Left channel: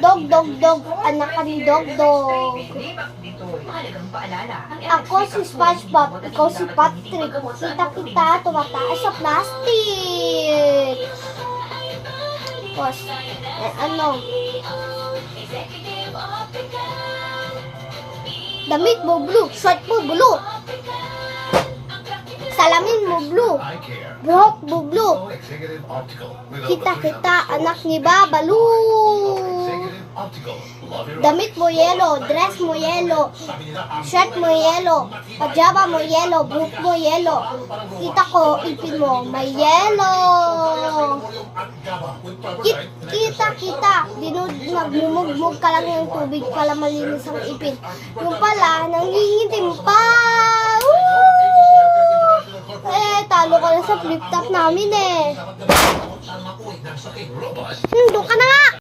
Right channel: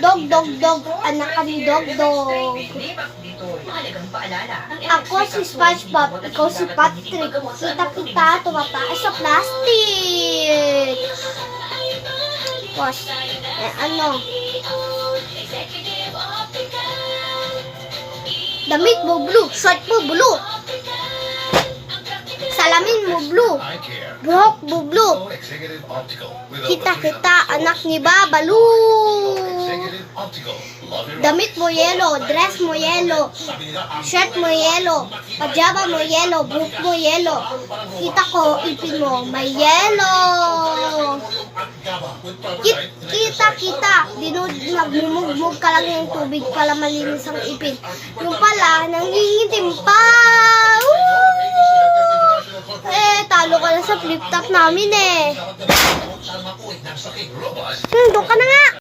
Dog, dog, dog. Anak ka ni Dog, dog. Ako si SpongeBob. Ikaw si Patrick. Kita-kita. Tumataas sa plastic. Tapos, ano? Damit mo blue. Short mo blue. Salamin mo blue. Buhok mo blue. Kita-kita, anak ni Babalu. Damit mo yellow, dress mo yellow, shirt mo yellow, pajama mo yellow, buhok mo yellow. Kita ko, ipin mo, may yellow. Kita, nagmumugmug ka lang yung tubig pala malinis ang ipin. Yung pala, nangingitim pa. Talo ka na sa flip-top namin eh. Doon ka na nga!